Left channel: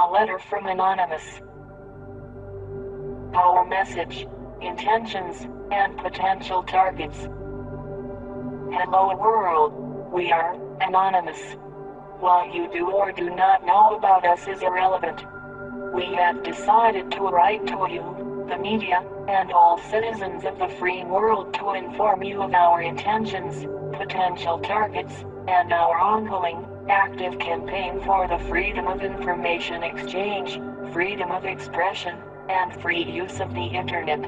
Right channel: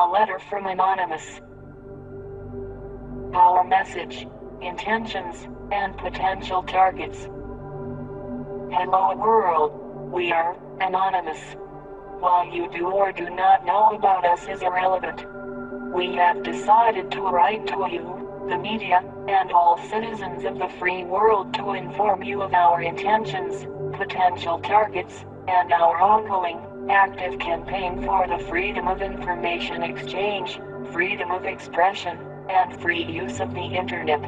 A letter from Anonymous. Our message, intentions, and potential targets. Hello world, we are Anonymous. What you do or do not know about us is irrelevant. We have decided to write to you, the media, and all citizens of the free world to inform you of our intentions, potential targets, and our ongoing, active campaign for the freedom of information exchange, freedom of expression, and free use of the internet.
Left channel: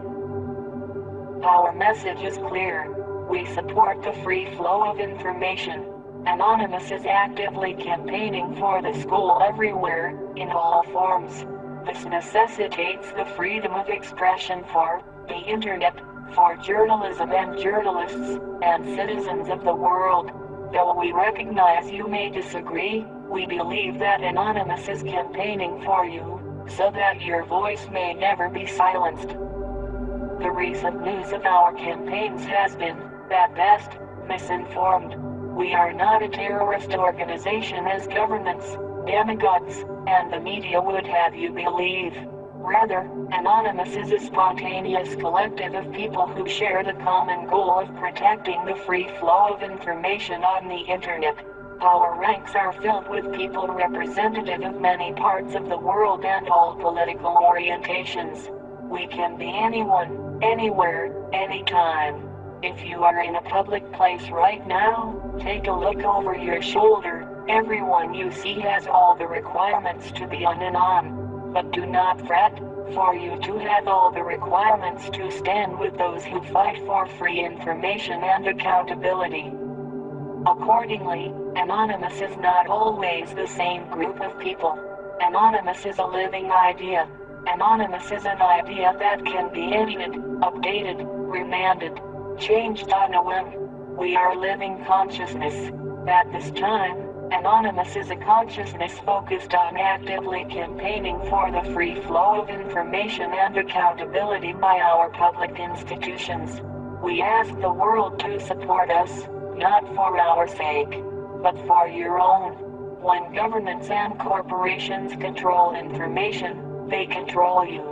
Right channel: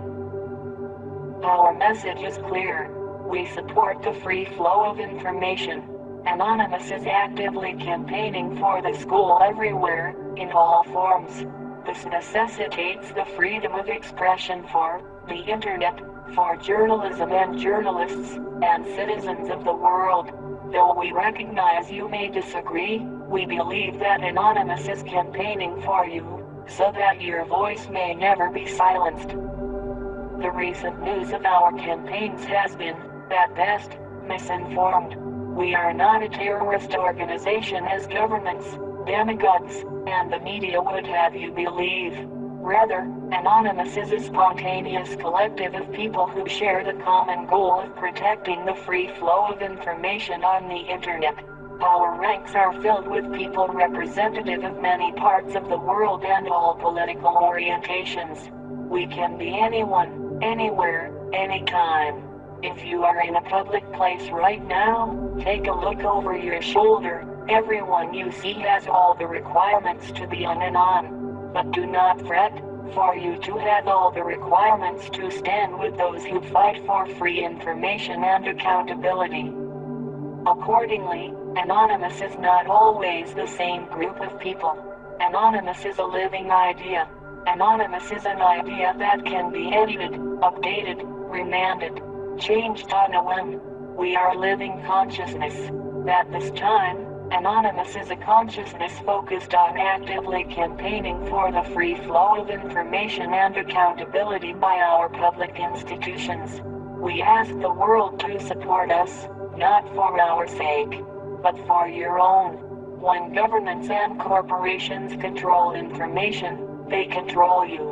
Our message is clear. We support the free flow of information. Anonymous is actively campaigning for the school everywhere, in all forms. This necessitates the freedom of expression for the internet, for journalism and journalists, and citizens of the world. Though we recognize you may disagree, we believe that Anonymous is campaigning for you, so that your voice may never be silenced. The recent news of our campaigns has been, at best, misinformed. We are not a terrorist organization as governments, demagogues, and the media would have you believe. Rather, Anonymous is a spontaneous collective of people who share the common goal of protecting the free flow of information on the internet. Our ranks are filled with people representative of many parts of the world and all political orientations. We can be anyone, anywhere, anytime. If you are in a public place right now, take a look over your shoulder. Everyone you see has all the requirements to be on and on. But do not fret, for you to have all the requirements to stand with those who fight for free information and accountability. Accordingly, Anonymous is not always the same group of people. Anonymous is a living idea. Anonymous is an idea that can be edited, updated, remanded, changed on a whim. We are living consciousness. At this time, Anonymous is a consciousness focused on actively campaigning for the free flow of information and accountability by our public institutions. We ask the world to support us, not for our sake, but for your own. When governments and corporations control information, they control you.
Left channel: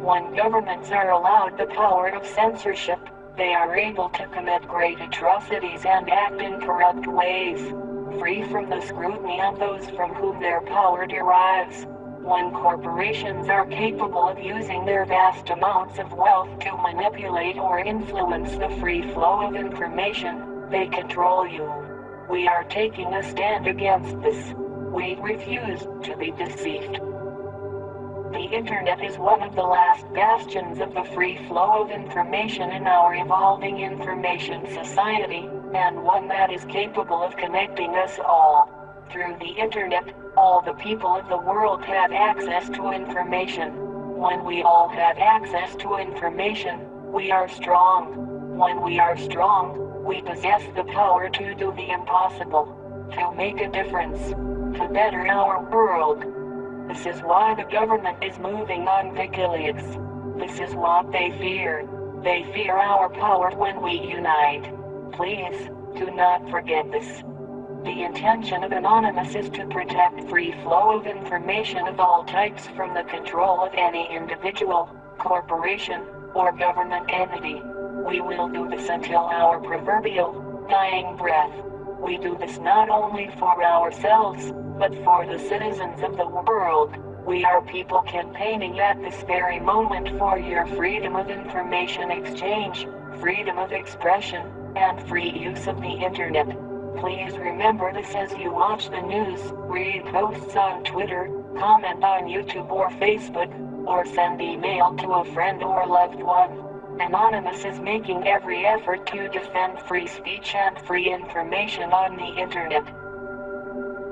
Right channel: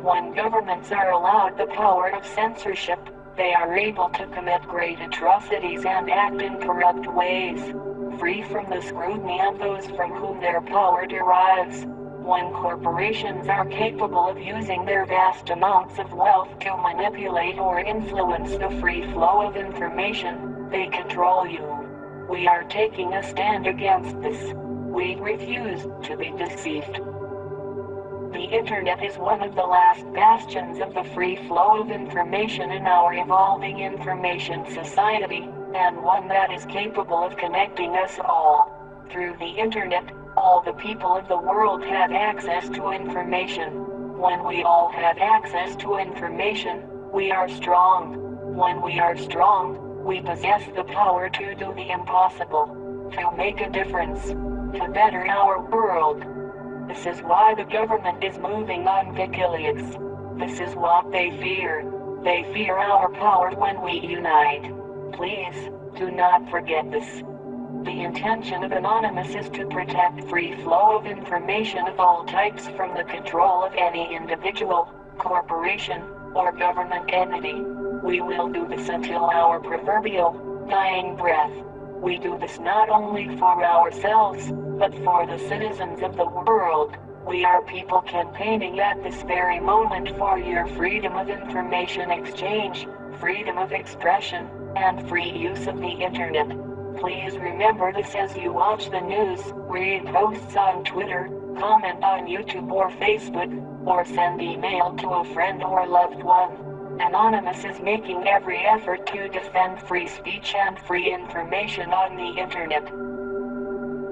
When governments are allowed the power of censorship, they are able to commit great atrocities and act in corrupt ways, free from the scrutiny of those from whom their power derives. When corporations are capable of using their vast amounts of wealth to manipulate or influence the free flow of information, they control you. We are taking a stand against this. We refuse to be deceived. The internet is one of the last bastions of the free flow of information in our evolving information society, and one that is capable of connecting us all. Through the internet, all the people of the world have access to information. When we all have access to information, we are strong. When we are strong, we possess the power to do the impossible, to make a difference, to better our world. This is why the government is moving on WikiLeaks. This is what they fear. They fear our power when we unite. Please, do not forget this. The intention of Anonymous is to protect free flow of information of all types from the control of any individual, corporation, or government entity. We will do this until our proverbial dying breath. We do this not only for ourselves, but for the citizens of the world. We are people campaigning at this very moment for your freedom of information exchange, freedom of expression, and free use of the internet. Please remember this as you watch the news, read posts on Twitter, comment on YouTube or Facebook, or send email to a friend or loved one. Anonymous is making every effort to defend free speech and free information on the internet.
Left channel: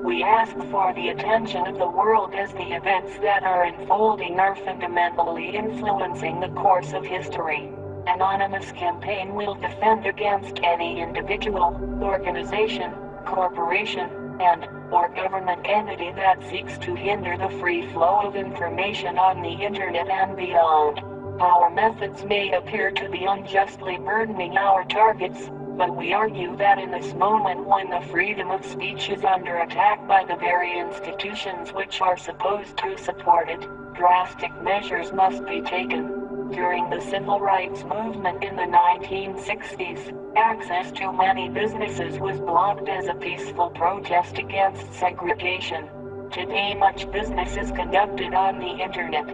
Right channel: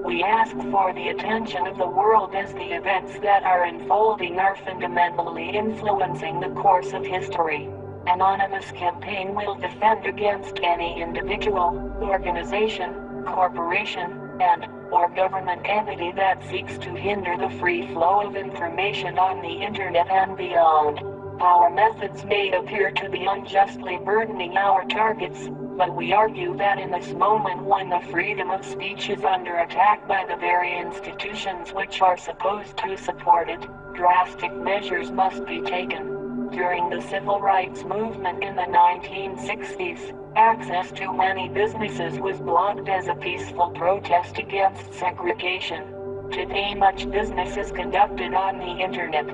We ask for the attention of the world as the events that are unfolding are fundamentally influencing the course of history. Anonymous campaign will defend against any individual, organization, corporation, and/or government entity that seeks to hinder the free flow of information on the internet and beyond. Our methods may appear to be unjustly burdening our targets, But we argue that in this moment when the freedom of speech is under attack by the very institutions which are supposed to support it, drastic measures must be taken. During the civil rights movement in the 1960s, access to many businesses was blocked as a peaceful protest against segregation. Today much business is conducted on the internet.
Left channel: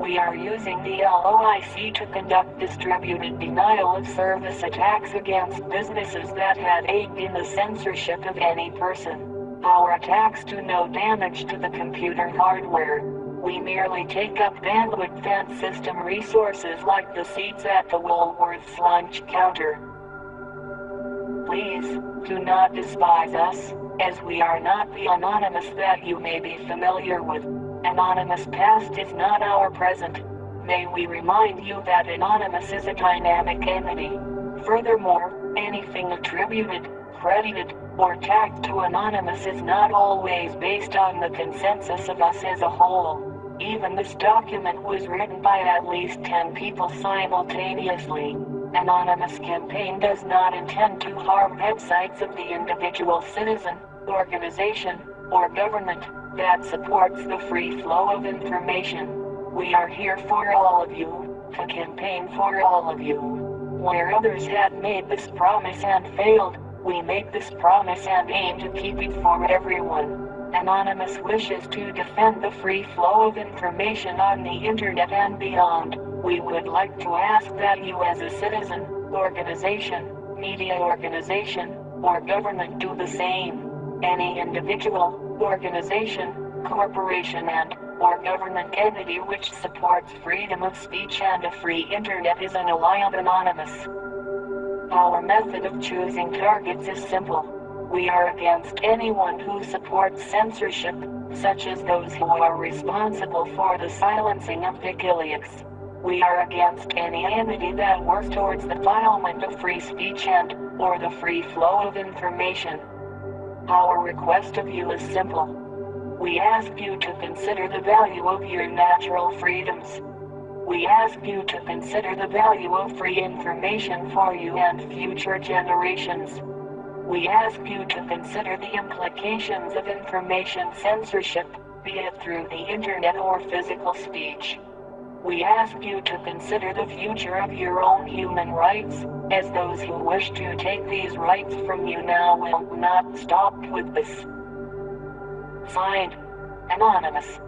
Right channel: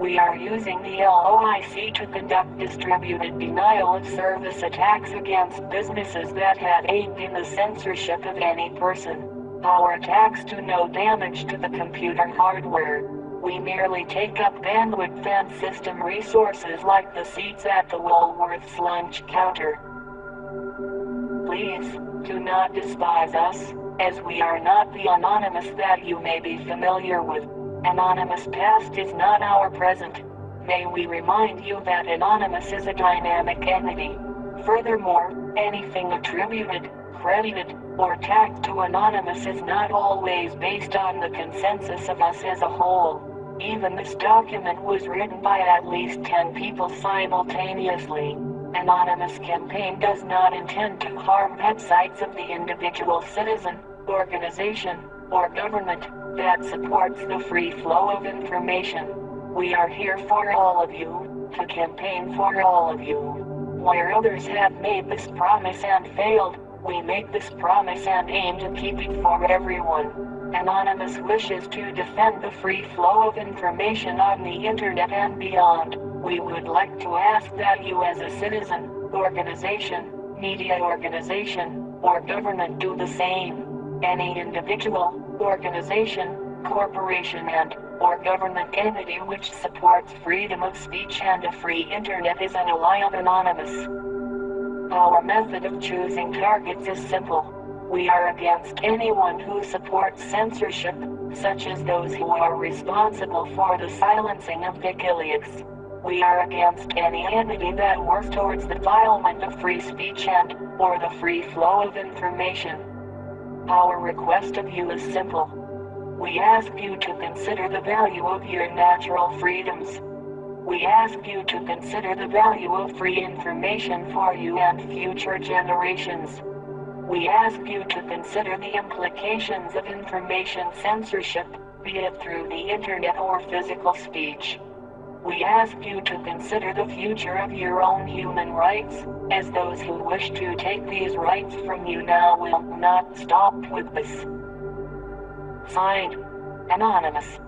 We are using the LOIC to conduct distributed denial of service attacks against businesses that had aided in the censorship of any person. Our attacks do no damage to the computer hardware. We merely take up bandwidth and system resources like the seats at the Woolworth's lunch counter. Please, do not despise us, as we are not the anonymous that you may be familiar with. Anonymous past is not our present. May we remind you that Anonymous is a dynamic entity. Furthermore, anything attributed, credited, or tagged to Anonymous is not always based on the consensus of us as a whole. Even this document was written by at least 10 people simultaneously. Anonymous campaign does not intend to harm websites of the individual citizen, organization, or government that supports the free flow of information. We are here for all of you, to campaign for all of you. Where others had made this promise and failed, we make this promise and aim to keep it for everyone. Anonymous wishes to defend the free flow of information on the internet and beyond. We would like to ask that you as a citizen, organization, media organization, or government do the same. Any individual, organization, corporation or government entity which supports freedom of speech and a free internet is an ally of Anonymous. Our method of choosing targets is simple. We are against anyone who supports censorship, such as those who are responsible for the silencing of WikiLeaks. We are against any entity that works towards the defilement of free speech or the free flow of information. Our request of you is simple. We ask you to consider the value of your natural freedoms. We ask you to consider the value of free information for you and future generations. We ask you to consider the implications of information censorship, be it through the internet or physical speech. We ask you to consider the future of your own human rights, as those who wish to take these rights from you now will not stop with this. Signed, Anonymous.